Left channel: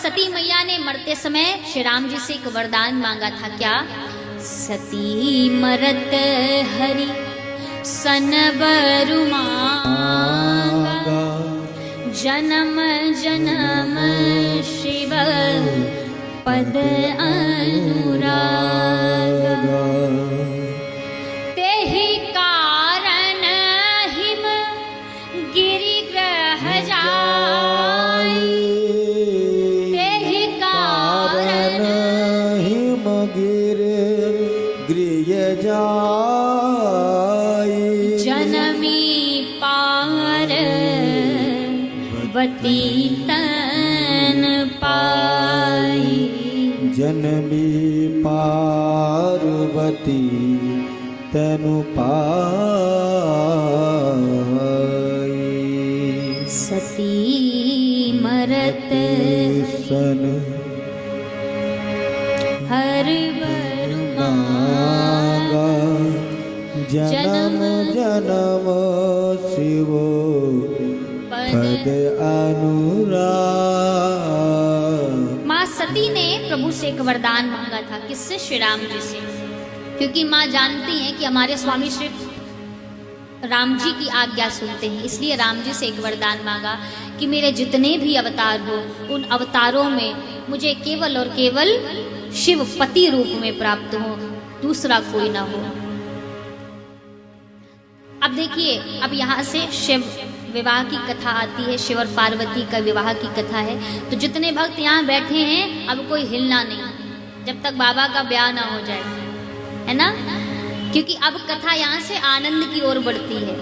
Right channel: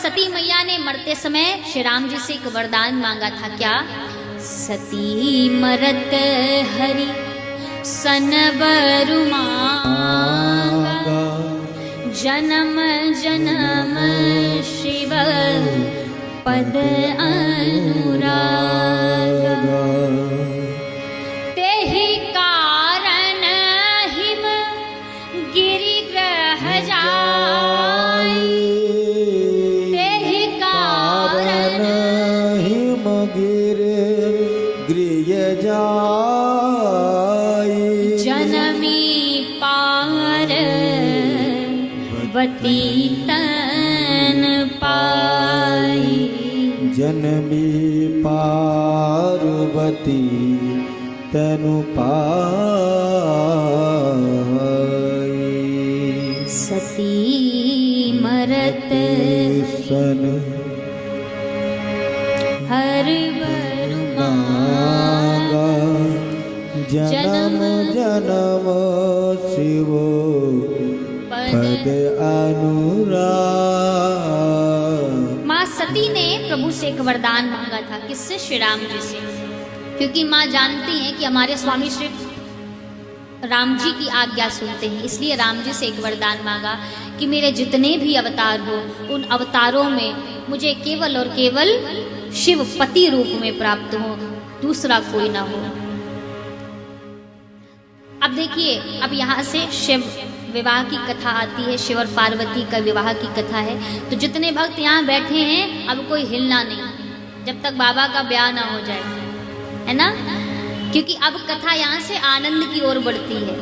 सती मैया ने मरते समय श्री राम जी से एक वरदान मांगा था, क्या? सती मरत हरि सन बरु मांगा, जन्म जन्म शिव पद अनुराग, तेहि कारण हिम गिरि ग्रह जाय, तेहि कारण हिम गिरि गृह जाय, जनमी पार्वती तन पाई, जनमी पार्वती तनु पाई, सती मरत सन हर बर मांगा, जन्म जन्म शिव पद अनुराग। माँ सती ने प्रभु से एक वरदान मांगा था, किससे? श्री राम जी से, क्योंकि माँ जानती हैं कि हमारे स्वामी श्री राम जी की आज्ञा सुनते हैं, इसलिए राम जी से एक वरदान मांगा कि मेरे जितने भी अवतार हो उन अवतारों में मुझे केवल और केवल शिव पति रूप में प्राप्त हो, दूसरा कोई ना हो। अब देखिए, अब यहाँ से शिव विवाह की कथा आती है, शिव और पार्वती का विवाह की कथा है। तो जितने भक्त यहाँ बैठे हैं अब कोई हिलना नहीं जब तक बाबा का ब्याह ना हो जाए, है ना, क्योंकि अब कथा यहाँ से आनंद की ओर बढ़ती है।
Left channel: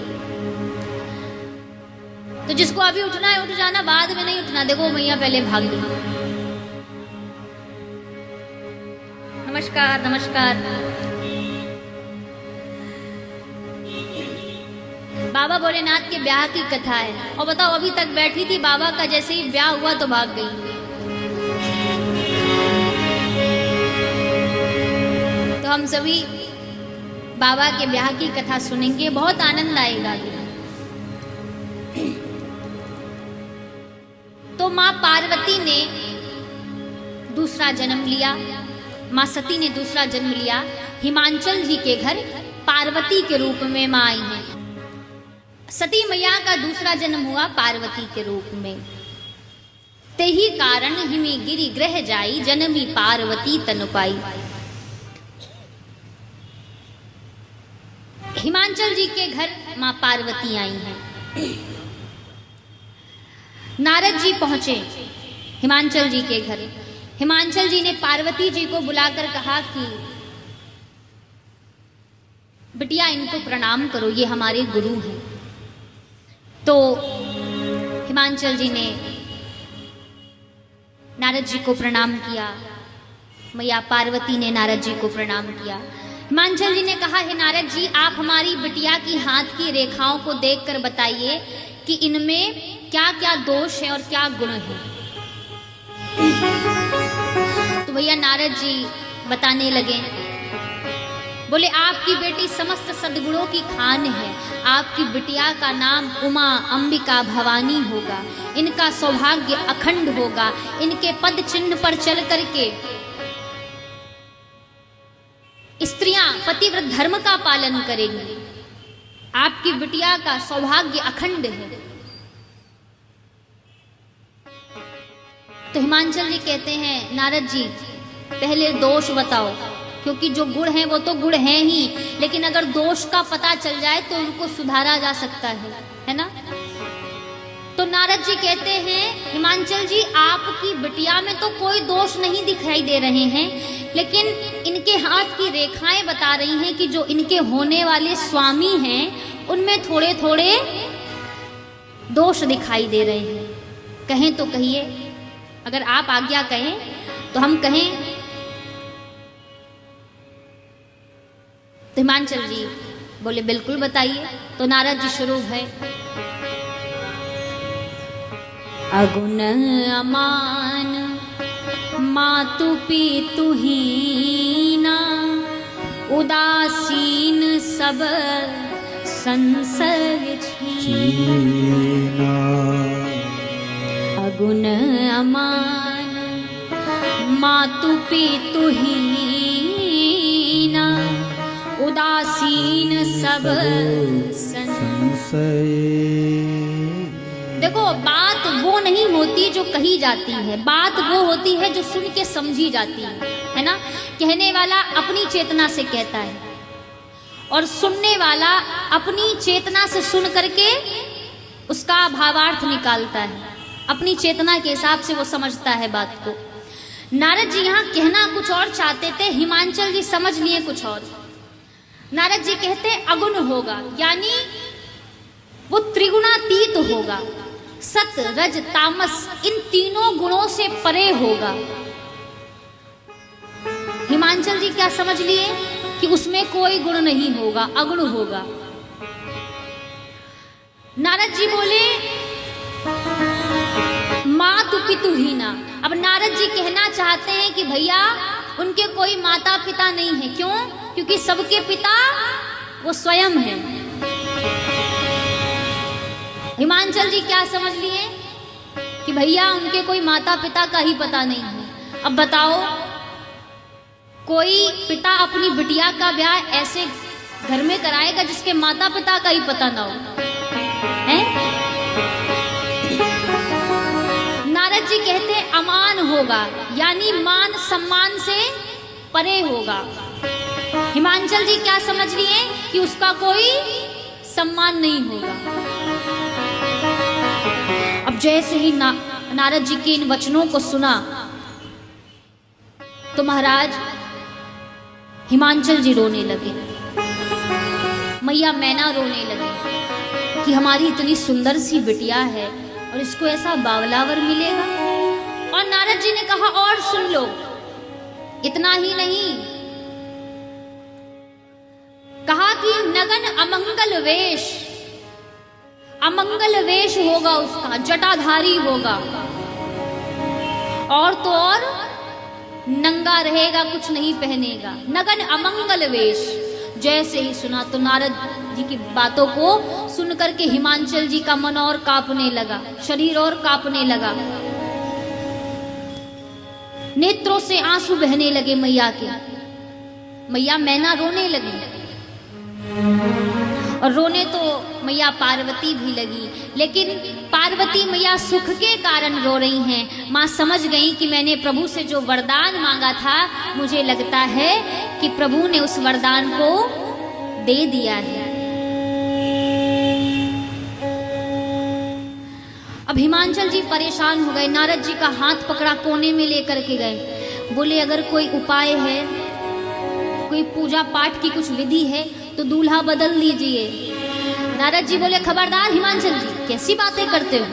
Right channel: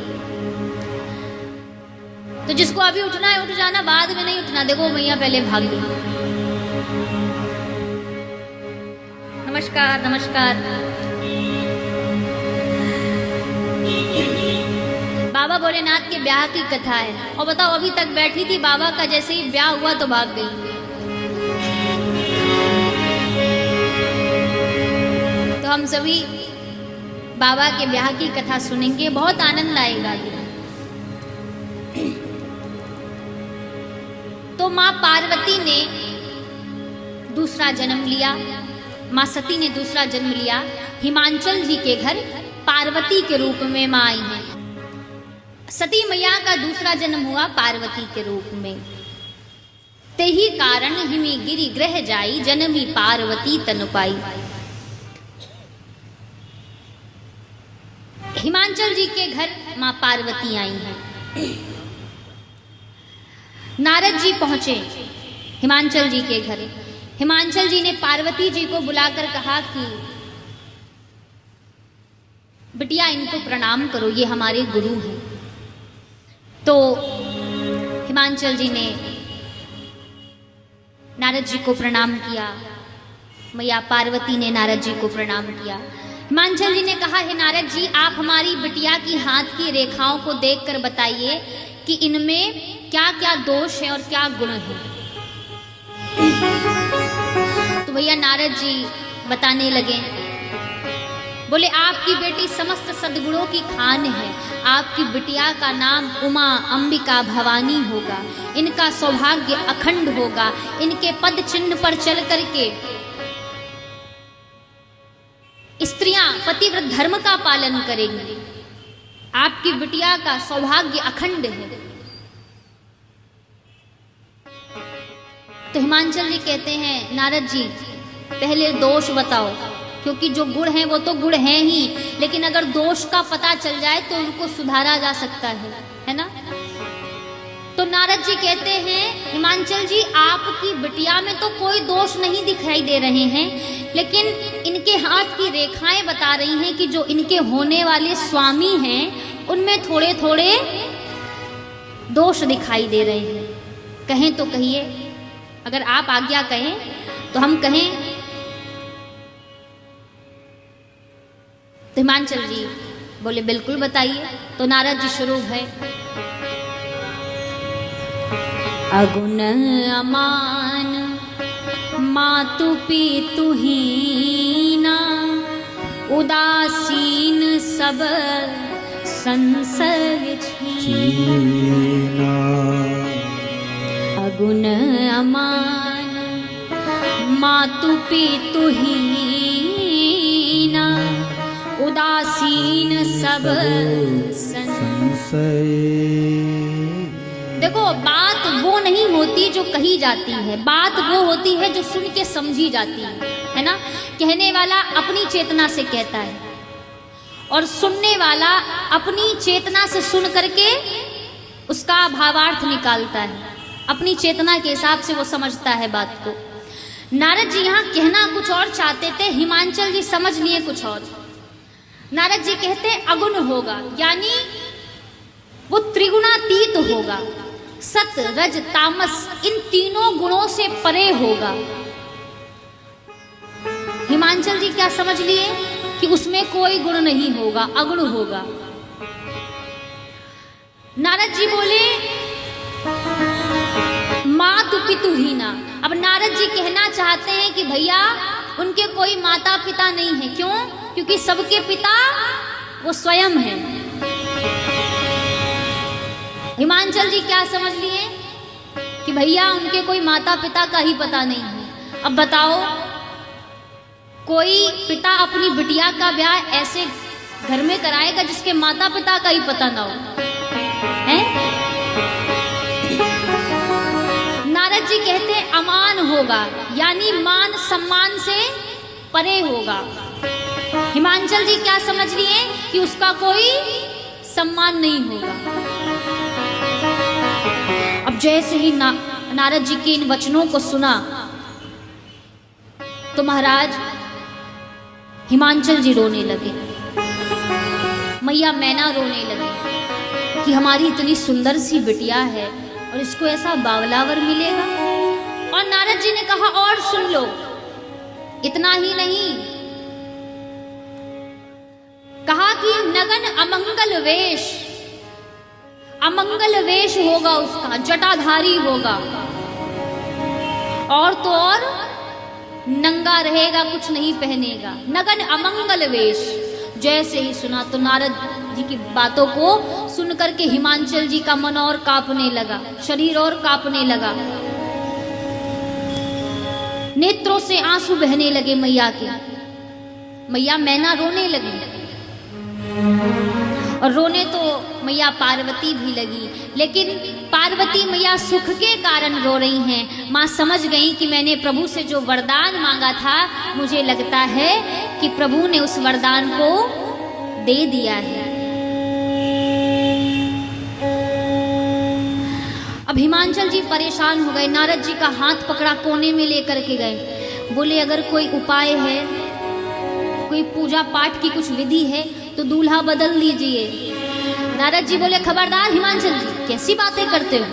तो जिसको अभी उठना है उठ जाना, बाद में नहीं उठना। देखो भैया पहले भाग गई। नमस्कार नमस्कार। बाबा भोलेनाथ के ब्याह की कथा है, और बताओ अभी तक बैठी थी, बाबा का जैसे ही ब्याह हुआ तो भाग गई। तो हम सभी बाबा के ब्याह की कथा सुनेंगे, बहुत आनंद आएगा ये। तो माँ पार्वती ने दूसरा जन्म लिया, माँ सती ने दूसरा जन्म लिया। हिमांचल जी के घर पार्वती के रूप में माँ आई है। सती मैया का दूसरा जन्म हुआ पार्वती के रूप में। तेहि कारण हिमी गिरि ग्रह जाई, जनमी पार्वती तन पाई। हिमांचल जी के घर माँ पार्वती आई हैं। नारद जी पहुंचे हिमांचल जी के घर। हिमांचल जी ने पार्वती जी को बुलाकर कहा कि बिटिया इनको प्रणाम करो, ये हमारे गुरु हैं। तो हिमांचल जी ने नारद जी को प्रणाम किया, मैया पार्वती ने नारद जी को प्रणाम किया। हिमांचल जी ने कहा, हे नारद जी, आप हमारी बिटिया की हाथ की रेखाओं को देखकर बताइए कि इनमें क्या क्या दोष है और क्या गुण है। तो भैया नारद जी बताने लगे, बोले आपकी बेटी समस्त सद्गुणों की खान है। आपकी बिटिया का नाम उमा अंबिका भवानी होगा। इनका सौभाग्य अखंड होगा। इनके पद चिन्ह पर चल करके स्त्रियां पतिव्रत धर्म का पालन करेंगी। आपकी बिटिया का सौभाग्य अखंड है। तो हिमांचल जी कहते हैं, नारद जी पहले दोष बताओ, क्योंकि जो गुण हैं वो तो गुण हैं ही, लेकिन अगर दोष का पता चल जाए तो उनको सुधारा जा सकता है ना। तो नारद जी कहते हैं, हिमांचल जी आपकी बिटिया में तो कोई दोष नहीं दिखाई दे रहे हैं, लेकिन इनके हाथ की रेखाएं बता रही हैं कि जो इनके होने वाले स्वामी हैं उनमें थोड़े थोड़े दोष दिखाई दे रहे हैं। कहें तो कहिए, अगर आप आज्ञा कहें तो हम कहें। तो हिमांचल जी बोले बिल्कुल बताइए। तो नारद जी शुरू है, अगुण अमान मातु पितु हीना, उदासीन सब संसर्ग छीना। अगुण अमान जाती है, बात वो होती है जो सुन के समझी जाती है ना। कहने वाला अपनी चेतना से कहता है और सुनने वाला अपनी चेतना से सुन करके उसका भावार्थ निकालता है, अपनी चेतना के हिसाब से वो समझता है बात को। नारद जी यहाँ कहना कुछ और चाहते थे, हिमांचल जी समझ लिए कुछ और। नारद जी कहते अगुण होगा, यानी वो त्रिगुणातीत होगा, सत रज तामस इन तीनों गुणों से परे होगा। हिमांचल जी क्या समझ लिए कि उसमें कोई गुण नहीं होगा, अगुण होगा। नारद जी बोले मातु पितु हीना। अब नारद जी कहना चाहते हैं कि भैया उनके कोई माता पिता नहीं है। क्यों? क्योंकि सबके पिता वो स्वयं है। हिमांचल जी क्या समझ लिए कि भैया उनके कोई माता पिता का ही पता नहीं है। अब बताओ, कोई पिता अपनी बिटिया का ब्याह ऐसे घर में कराएगा जिसके माता पिता का ही पता ना हो, है? नारद जी कहते अमान होगा, यानी मान सम्मान से परे होगा। हिमांचल जी क्या समझ लिए कि उसका कोई सम्मान नहीं होगा। अब जैसे ही नारद जी के इन वचनों को सुना तो महाराज हिमांचल जी रोने लगे, मैया मैना रोने लगे कि हमारी इतनी सुंदर सी बिटिया है और इसको ऐसा बावलावर मिलेगा। और नारद जी ने कहा और सुन लो, इतना ही नहीं, कहा कि नगन अमंगल वेश, अमंगल वेश होगा उसका, जटाधारी होगा, और तो और नंगा रहेगा, कुछ नहीं पहनेगा, नगन अमंगल वेश। जैसे ही सुना तो नारद जी की बातों को सुन करके हिमांचल जी का मन और कांपने लगा, शरीर और कांपने लगा, नेत्रों से आंसू बहने लगे मैया के। मैया मैना रोने लगी और रोने तो मैया पार्वती भी लगी, लेकिन पार्वती मैया सुख के कारण रो रही हैं। माँ समझ गई कि मैंने प्रभु से जो वरदान मांगा था, मुझे लगता है कि प्रभु ने उस वरदान को दे दिया है। अब हिमांचल जी परेशान हो गए, नारद जी का हाथ पकड़ा, कोने में लेकर के गए, बोले अगर कोई उपाय है, कोई पूजा पाठ की कुछ विधि है तो दूल्हा बदल लीजिए। नारद जी बोले खबरदार हिमांचल जी, कैसी बातें करते हो?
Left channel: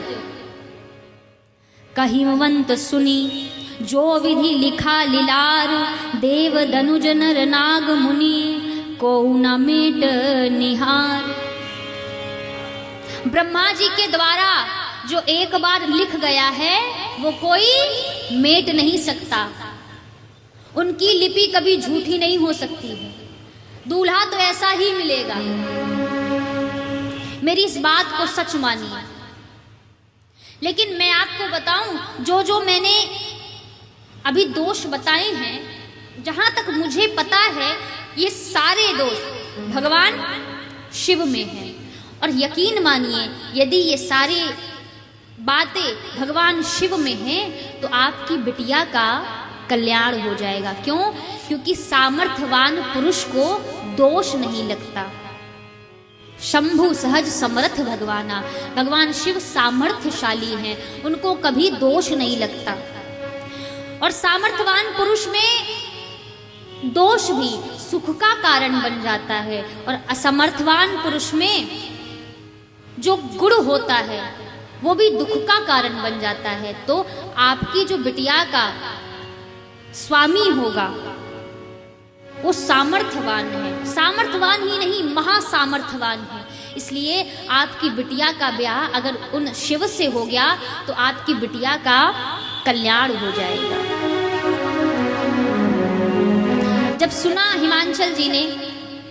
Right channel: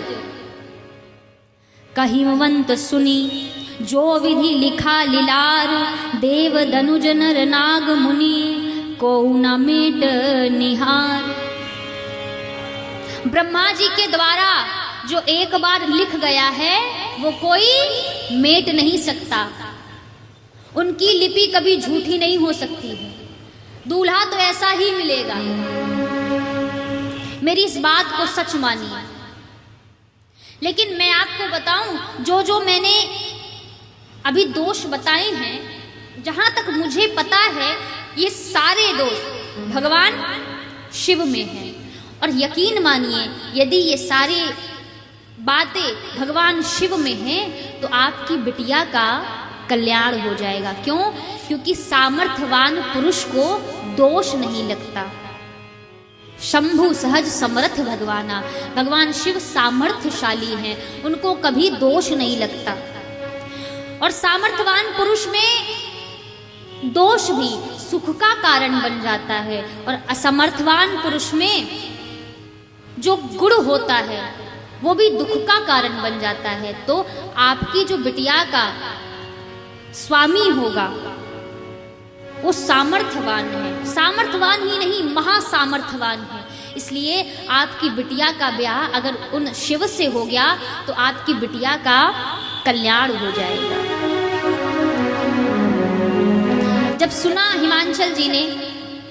कहिवंत सुनी जो विधि लिखा लीलार, देव दनुज नर नाग मुनि को न मेट निहार। ब्रह्मा जी के द्वारा जो एक बार लिख गया है वो कोई मेट नहीं सकता, उनकी लिपि कभी झूठी नहीं हो सकती है। दूल्हा तो ऐसा ही मिलेगा, मेरी इस बात को सच मानिए। लेकिन मैं आपको बताऊं, जो जो मैंने अभी दोष बताए हैं, जहां तक मुझे पता है ये सारे दोष भगवान शिव में हैं। और यकीन मानिए, यदि ये सारे बातें भगवान शिव में हैं तो आपकी बिटिया का कल्याण हो जाएगा। क्यों? क्योंकि सामर्थ्यवान पुरुष को दोष नहीं लगता। शंभु सहज समर्थ भगवाना, भगवान शिव सामर्थ्यशाली हैं, उनको कभी दोष नहीं लगता। और सामर्थ्यवान पुरुष में दोष भी सुख का कारण बन जाता है, और असमर्थवान पुरुष में जो गुण होता है वो भी दुख का कारण बन जाता है। तो आपकी जो बिटिया का स्वामी होगा वो सामर्थ्यवान है, सामर्थ्यवान ही नहीं महासामर्थ्यवान है। इसलिए आपकी बिटिया का ब्याह अगर उन शिव से हो गया तो आपकी बिटिया का कल्याण हो जाएगा। जब सुना हिमांचल जी ने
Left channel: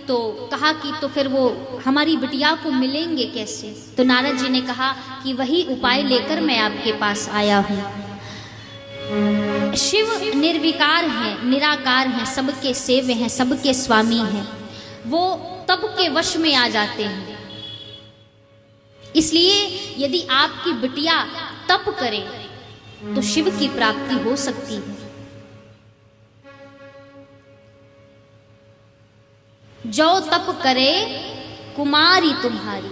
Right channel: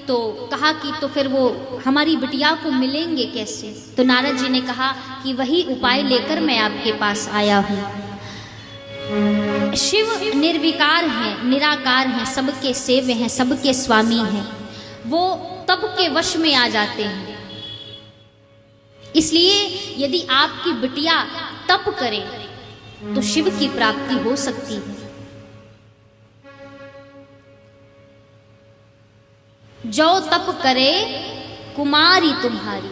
तो कहा कि तो फिर वो हमारी बिटिया को मिलेंगे कैसे? तो नारद जी ने कहा कि वही उपाय लेकर मैं आपके पास आया हूँ। शिव निर्विकार हैं, निराकार हैं, सबके सेव्य हैं, सबके स्वामी हैं, वो तब के वश में आ जाते हैं। इसलिए यदि आपकी बिटिया तप करे तो शिव की प्राप्ति हो सकती है। जो तप करे कुमारी तुम्हारी,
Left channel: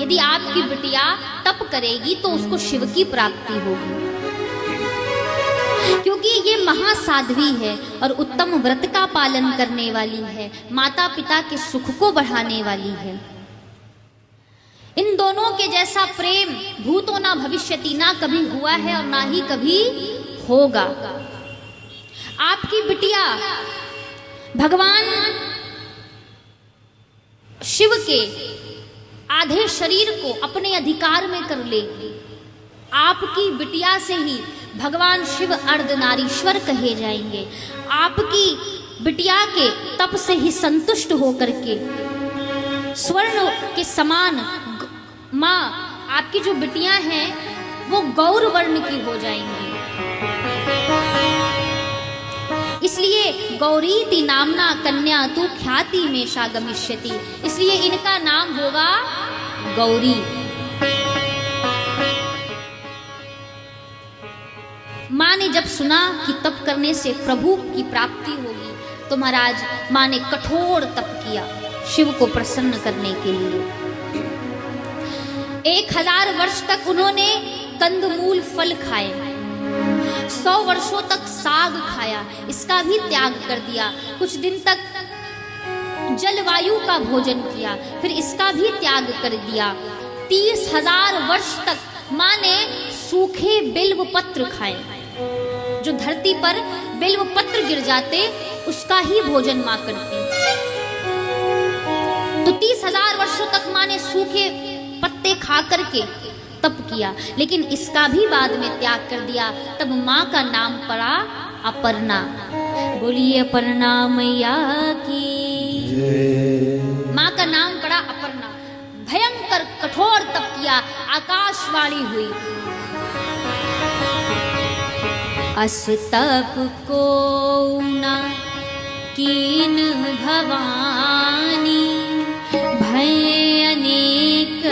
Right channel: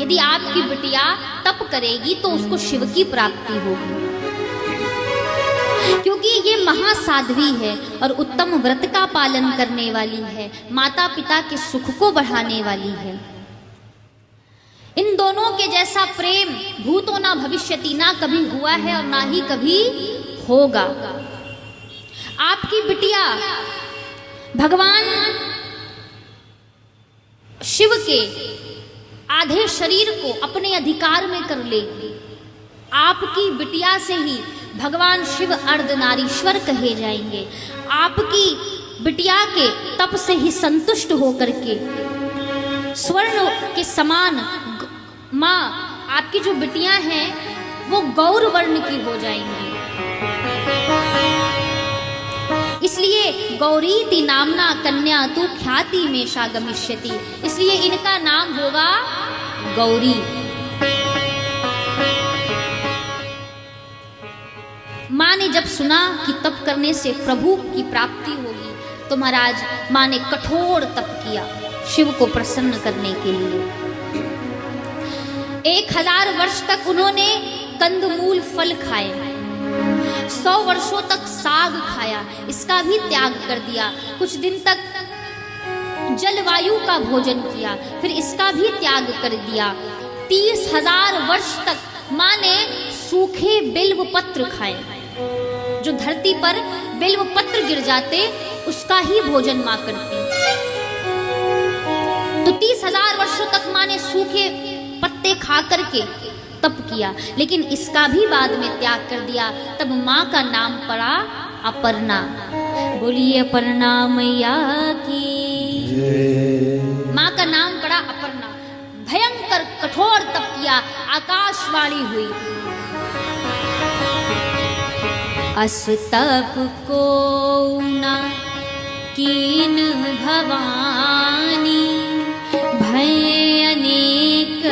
यदि आपकी बिटिया तप करेगी तो उसको शिव की प्राप्ति होगी, क्योंकि ये महासाध्वी है और उत्तम व्रत का पालन करने वाली है, माता पिता के सुख को बढ़ाने वाली है। इन दोनों के जैसा प्रेम भूतो ना भविष्यति, ना कभी हुआ है और ना ही कभी होगा। आपकी बिटिया भगवान शिव के आधे शरीर को अपने अधिकार में कर लेगी। आपकी बिटिया से ही भगवान शिव अर्धनारीश्वर कहे जाएंगे। आपकी बिटिया के तप से ही संतुष्ट होकर के स्वर्ण के समान माँ आपकी जो बिटियां हैं वो गौर वर्ण की हो जाएंगी। इसलिए गौरीति नामना कन्या तु ख्याति में गमिष्यति, इसलिए इनका नाम होगा गौरी। माँ ने जब सुना कि तप करने से प्रभु की प्राप्ति होगी तो महाराज माँ ने कठोर तप किया शिव को प्रसन्न करने के लिए। 1000 वर्ष तक उन्होंने कंदमूल फल खाए, 100 वर्षों तक साग खाया, इसका भी त्याग कर दिया। कुछ दिन तक जलवायु का भोजन किया, फिर इसका भी त्याग कर दिया। 30,000 वर्ष तक माँ ने सूखे बिल्व पत्र खाए, जो धरती पर बिल्व पत्र गिर जाते उसका ही भोजन माँ करती। तो 30,000 वर्षों तक माँ ने सूखे पत्ते खा करके तप किया, लेकिन इसका भी बाद में त्याग कर दिया। तब माँ का नाम पड़ा अपर्णा। बोलिए अपर्णा मैया की। माँ का नाम पड़ा अपर्णा। भयंकर कठोर तप किया, आकाशवाणी हुई, अस तप को ना कीन भवानी, भय अनेक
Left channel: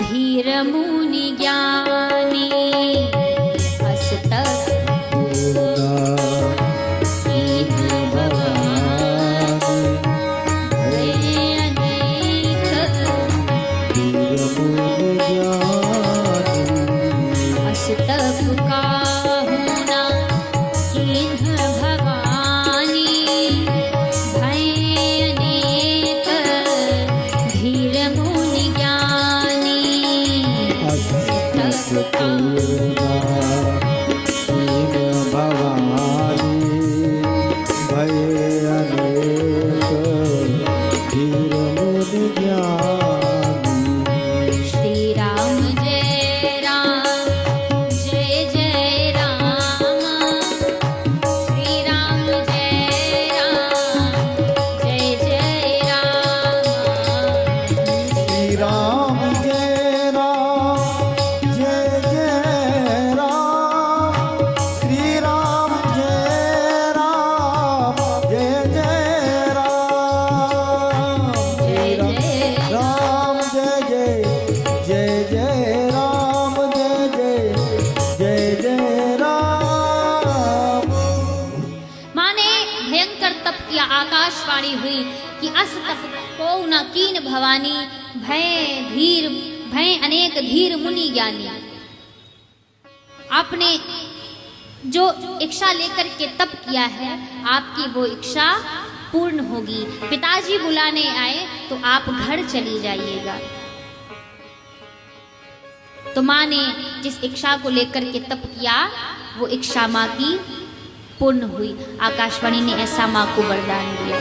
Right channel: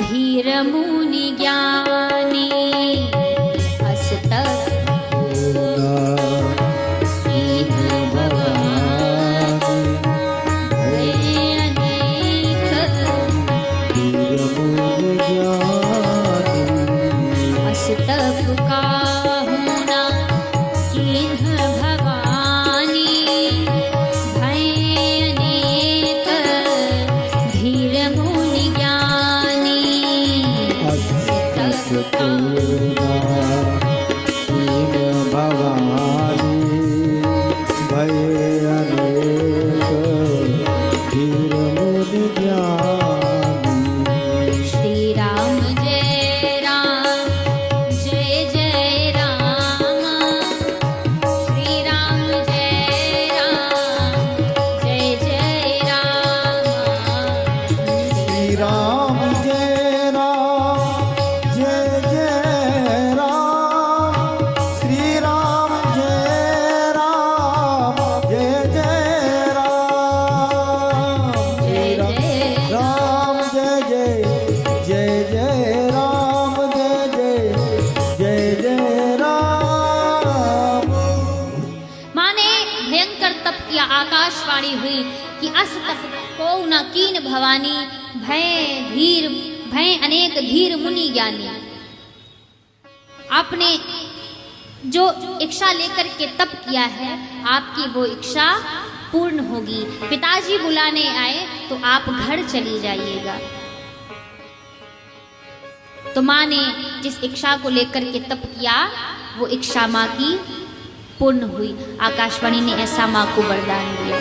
धीर मुनि ज्ञानी। अस तप भय अनेक अस तप का भवानी, भय अनेक धीर मुनि ज्ञानी। आपने जो इच्छा लेकर के तप किया है, आपकी वो इच्छा पूर्ण होगी। पिताजी बुलाने आए तो आप घर चली जाइएगा। तो माँ ने जिस इच्छा को लेकर के तप किया वो इच्छा माँ की पूर्ण हुई। आकाशवाणी ने ऐसा माँ को वरदान दिया।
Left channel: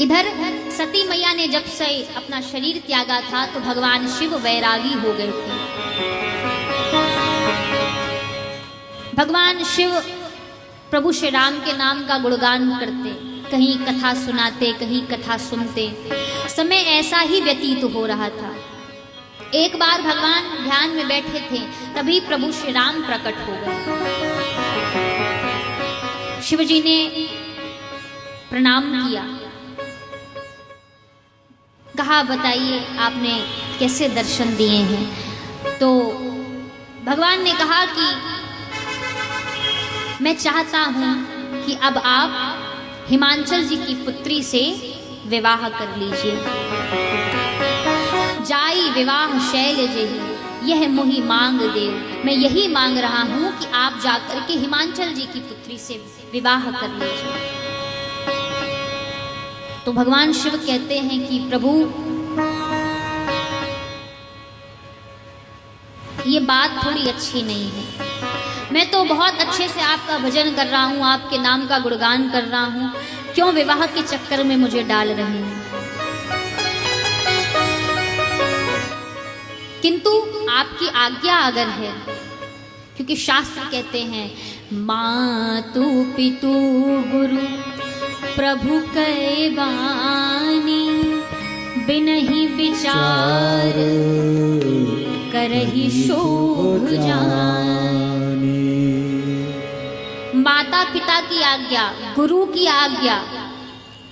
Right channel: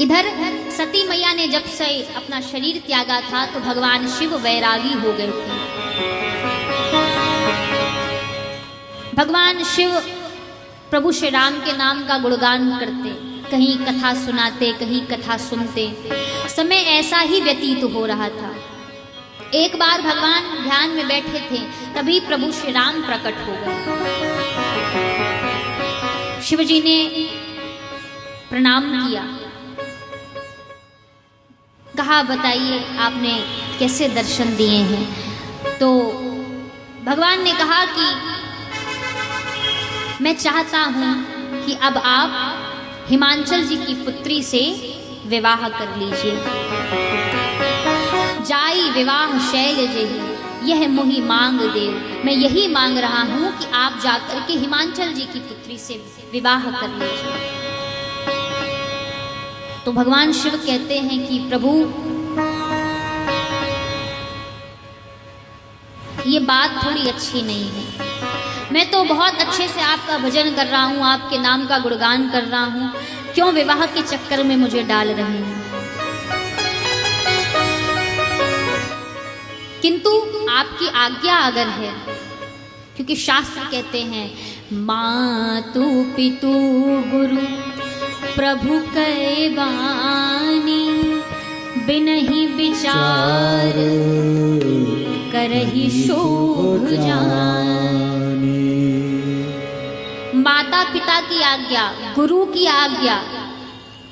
इधर सती मैया ने जब से अपना शरीर त्यागा था तो भगवान शिव वैरागी हो गए थे। भगवान शिव प्रभु श्री राम के नाम का गुणगान करते, कहीं कथा सुनाते, कहीं कथा सुनते। समय ऐसा ही व्यतीत हो रहा था। एक बार भगवान ध्यान में बैठे थे, तभी प्रभु श्री राम प्रकट हो गए। शिवजी ने प्रणाम किया, कहा बताइए आपने कैसे दर्शन दिए हैं। तो भगवान ने कहा कि मैं चाहता हूं कि अब आप हिमांचल जी की पुत्री से विवाह कर लीजिए। जाई विवाह शैल जेहि यह मोहि मांग देव। मैं यही मांग रहा हूं कि आप जाकर के हिमांचल जी की पुत्री से विवाह कर लीजिए। तो भगवान शिव कहते हैं कि प्रभु, ये बात थोड़ी अच्छी नहीं है। मैं तो बहुत अच्छे से आपका भजन कर रहा हूँ, आपके नाम का गुणगान कर रहा हूँ, क्यों विवाह के चक्कर में मुझे डाल रहे हैं? किंतु आपकी आज्ञा अगर है, क्योंकि शास्त्र कहते हैं मातु पितु गुरु प्रभु कै बानी बिनहि विचार करहि शोभ जानी। माता पिता की आज्ञा, गुरु की आज्ञा,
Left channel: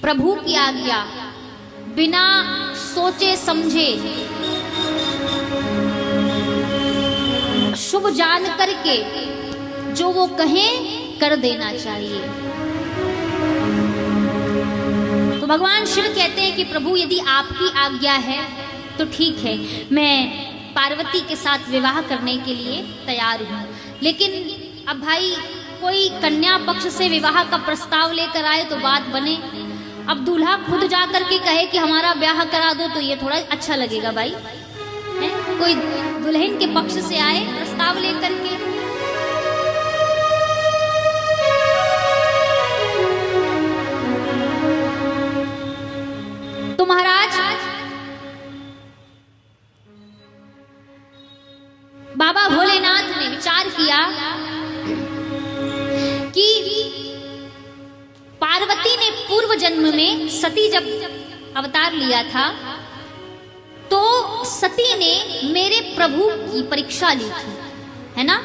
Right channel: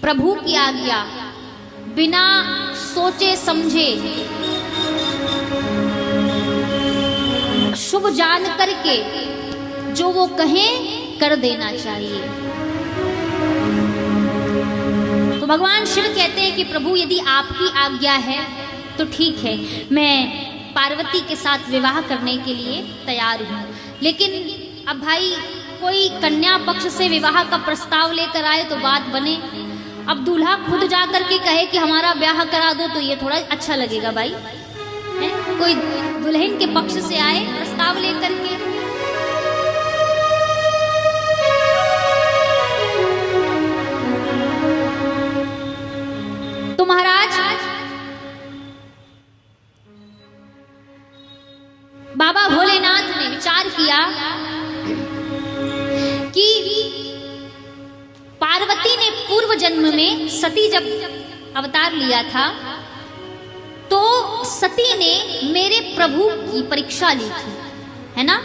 प्रभु की आज्ञा बिना सोचे समझे शुभ जान करके जो वो कहें कर देना चाहिए। तो भगवान शिव कहते हैं कि प्रभु यदि आपकी आज्ञा है तो ठीक है, मैं पार्वती के साथ विवाह करने के लिए तैयार हूँ। लेकिन अब भाई कोई कन्या पक्ष से विवाह का प्रस्ताव लेकर आए तो बात बने। अब दूल्हा खुद जा करके कहे कि हमारा ब्याह करा दो तो ये थोड़ा अच्छा लगेगा भाई, है? कोई दुल्हन के पक्ष से आए प्रस्ताव लेकर के। तो महाराज बाबा भोलेनाथ ने विचार किया कि पार्वती ने पूर्व जन्म में सती जब अवतार लिया था तो सती ने मेरे प्रभु की परीक्षा ली थी, है ना?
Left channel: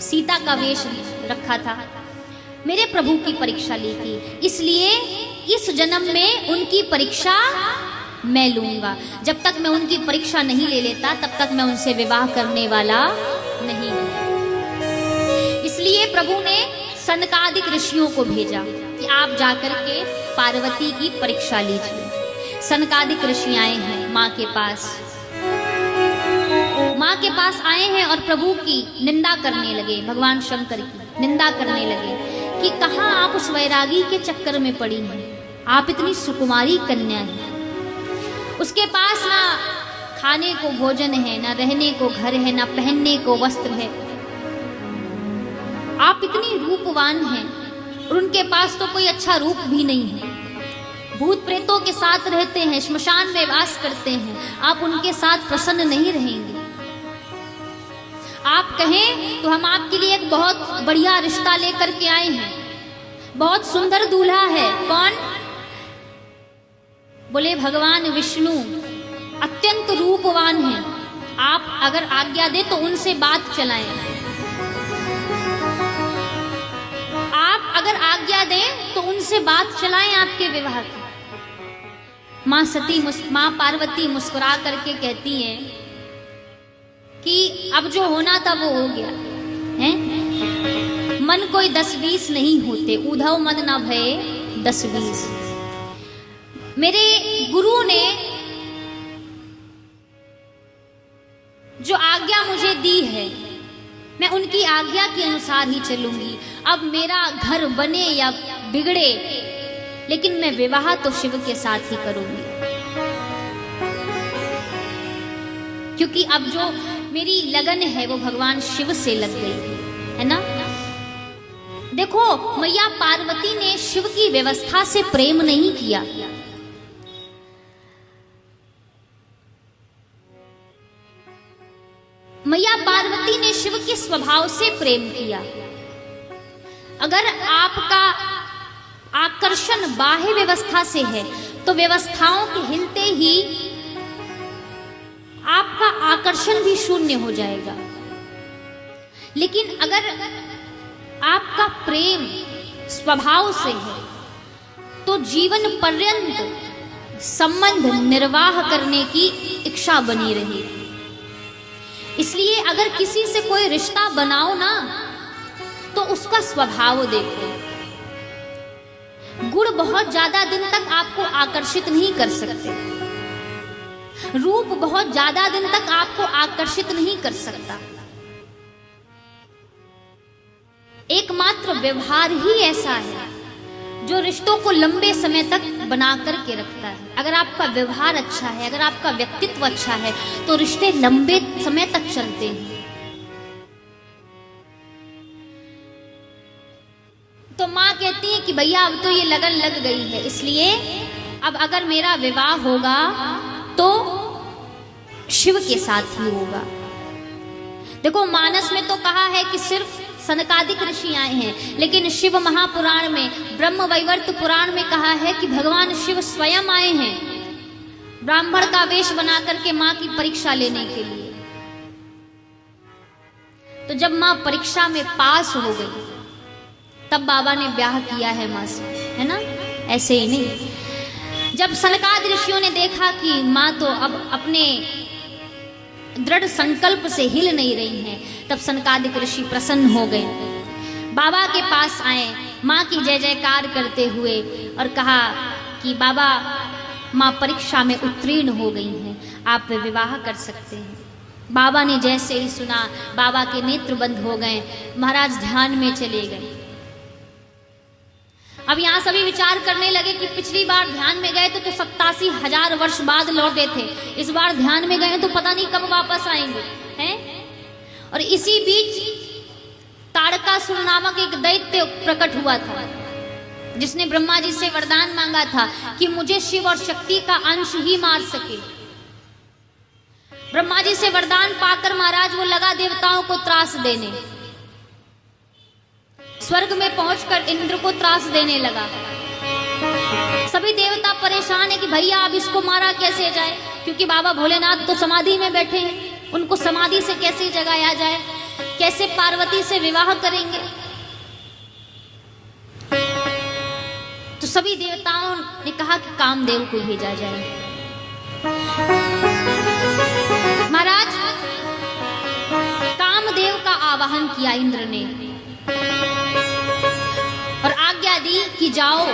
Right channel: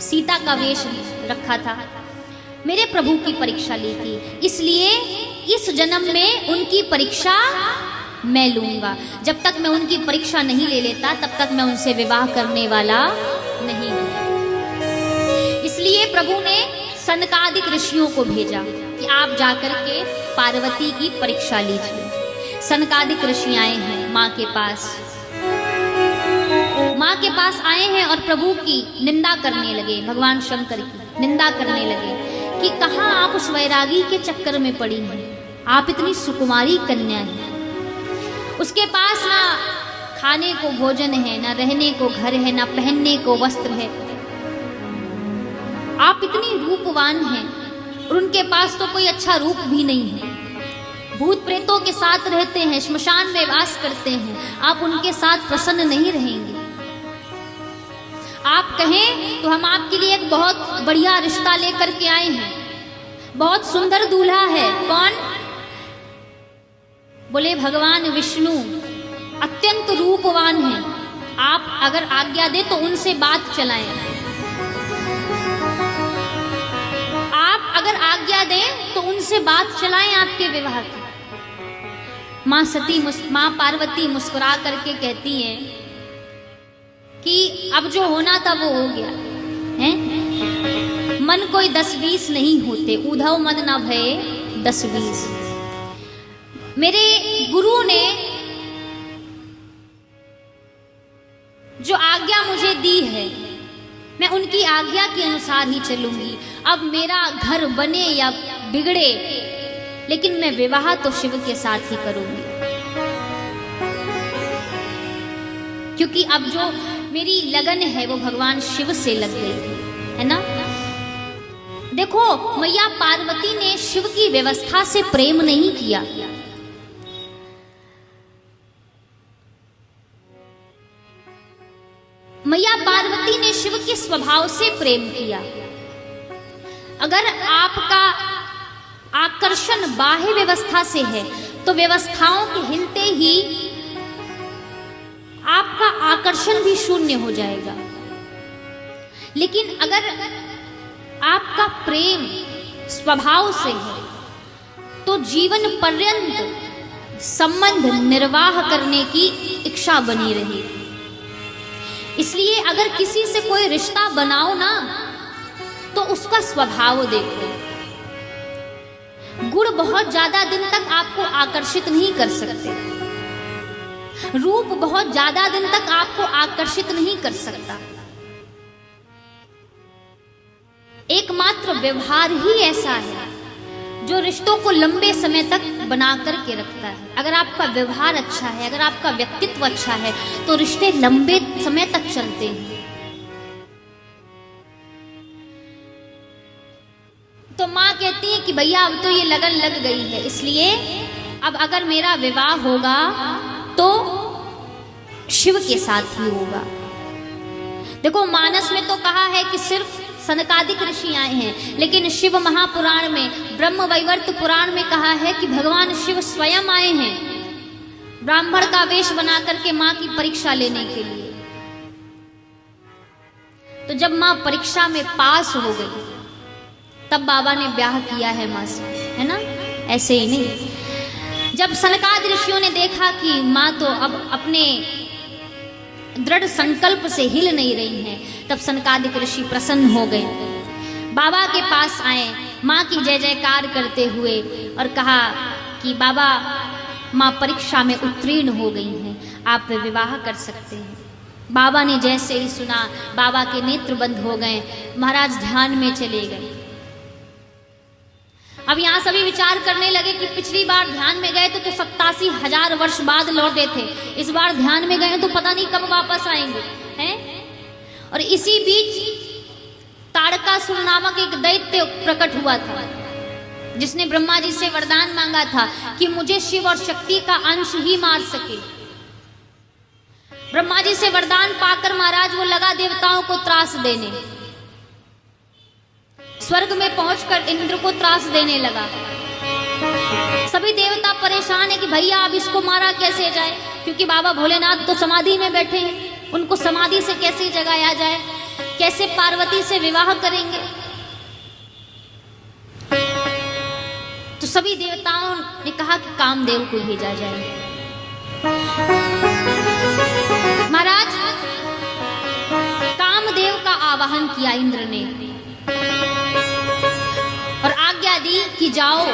सीता का वेश रखा था, मेरे प्रभु की परीक्षा ली थी। इसलिए इस जन्म में उनकी परीक्षा मैं लूंगा। जब तक मैं उनकी परीक्षा नहीं ले लेता तब तक मैं उनसे विवाह करने वाला नहीं हूं। इसलिए प्रभु ने सनकादिक ऋषियों को भेजा कि आप जाकर के पार्वती की परीक्षा लीजिए। सनकादिक ऋषि आए हैं माँ के पास, माँ के पास आए हैं और प्रभु की निंदा करने लगे, भगवान शंकर की निंदा करने लगे कि कहाँ आप उस वैरागी के चक्कर में पड़ी हैं, आप इतनी सुकुमारी कन्या हैं, उसके पास ना खाने को भोजन है, ना रहने को घर है, ना पहनने को वस्त्र है, आप इतनी रूपवान हैं और उनके पास तो कोई अच्छा रूप भी नहीं है, भूत प्रेतों के साथ रहते हैं, श्मशान में वास करते हैं, आप उनके साथ प्रसन्न नहीं रहेंगे। आप कहें तो हम आपके लिए एक बहुत बढ़िया रिश्ता लेकर के आए हैं, बहुत सुंदर दूल्हा है। कौन? बोले भगवान विष्णु अत्यंत रूपवान हैं, आप अगर आज्ञा दे तो उनसे बात चलाएं, आप अगर आज्ञा दें तो उनसे बात चलाएं आपके विवाह की। माँ पार्वती मुस्कुरा करके कहती है कि अब जो होना था वो हो गया है, मन कोई 10-20 नहीं होते, उधव मन न भये 10-20। मेरे गुरु ने जो आज्ञा मुझे दी है मैं उनकी आज्ञा के अनुसार ही चलूंगी। अब मेरा घर बने या बिगड़े लेकिन मैं विवाह तो शिव के साथ ही करूंगी, क्योंकि अब जो मेरी लगन है वो भगवान शिव से लग गई है ना। देखो मैया पार्वती ने शिव की व्यवस्था से प्रेम नहीं किया, मैया पार्वती ने शिव के स्वभाव से प्रेम किया। अगर आपका आकर्षण बाह्य व्यवस्था से है तो व्यवस्थाओं के हिलते ही आपका आकर्षण भी शून्य हो जाएगा। लेकिन अगर आपका प्रेम स्वभाव से है तो जीवन पर्यंत संबंध निर्वाह करने की इच्छा बनी रही। इसलिए अगर किसी से कोई रिश्ता बनाओ ना तो उसका स्वभाव देखो। गुण बहुत ज्यादा दिन तक आपको आकर्षित नहीं कर सकते, रूप बहुत ज्यादा दिन तक आपको आकर्षित नहीं कर सकता। एकमात्र व्यवहार ही ऐसा है जो रिश्तों को लंबे समय तक बना करके रखता है। अगर आपका व्यवहार अच्छा है, अगर आपका व्यक्तित्व अच्छा है तो रिश्ते लंबे समय तक चलते हैं। तो माँ कहती है कि भैया अब तो ये लगन लग गई है, इसलिए अब अगर मेरा विवाह होगा तो शिव के साथ ही होगा। देखो मानस में तो कहा है कि सिर्फ सनकादिक ऋषि आए हैं, लेकिन शिव महापुराण में, ब्रह्म वैवर्त पुराण में कहा है कि भगवान शिव स्वयं आए हैं ब्राह्मण का वेश बना करके माँ की परीक्षा लेने के लिए। तो जब माँ परीक्षा में पास हो गई तब बाबा ने ब्याह किया है माँ से, है ना, ऐसे ही नहीं। जब सनकादि ऋषियों ने देखा कि माँ तो अब अपने दृढ़ संकल्प से हिल नहीं रही हैं, तब सनकादिक ऋषि प्रसन्न हो गए, बाबा के पास आए, माँ की जय जयकार करते हुए और कहा कि बाबा माँ परीक्षा में उत्तीर्ण हो गई हैं, आप विवाह कर सकते हैं। बाबा ने जैसे ही सुना बाबा के नेत्र बंद हो गए, महाराज ध्यान में चले गए। अब यहाँ सभी विचार करने लगे कि पिछली बार ध्यान में गए तो 87,000 वर्ष बाद लौटे थे, इस बार ध्यान में गए तो पता नहीं कब वापस आएंगे, हैं? और इसी बीच ताड़कासुर नामक एक दैत्य प्रकट हुआ था जिसने ब्रह्मा जी से वरदान मांगा था कि मुझे शिव और शक्ति का अंश ही मार सके। ब्रह्मा जी से वरदान पाकर महाराज वो लगा देवताओं को त्रास देने, स्वर्ग में पहुंचकर इंद्र को त्रास देने लगा। सभी देवता परेशान है कि भैया अब इसको मारा कैसे जाए, क्योंकि बाबा भोलेनाथ तो समाधि में बैठे हैं, उनको समाधि से कैसे जगाया जाए, कैसे पार्वती से विवाह करेंगे। तो सभी देवताओं ने कहा कि कामदेव को भेजा जाए। महाराज कामदेव का आवाहन किया इंद्र ने और आज्ञा दी कि जाओ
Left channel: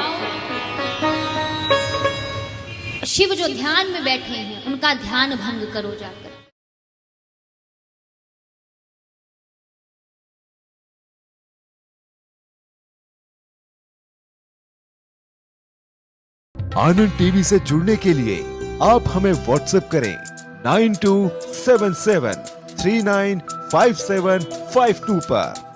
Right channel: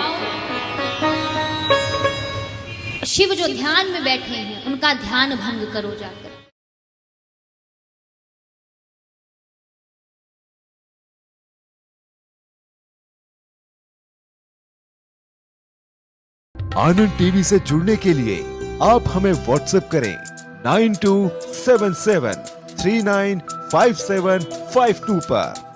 शिव जो ध्यान में बैठे हैं उनका ध्यान भंग करो जाकर। आनंद टीवी से जुड़ने के लिए आप हमें व्हाट्सएप करें 9277395752 पर।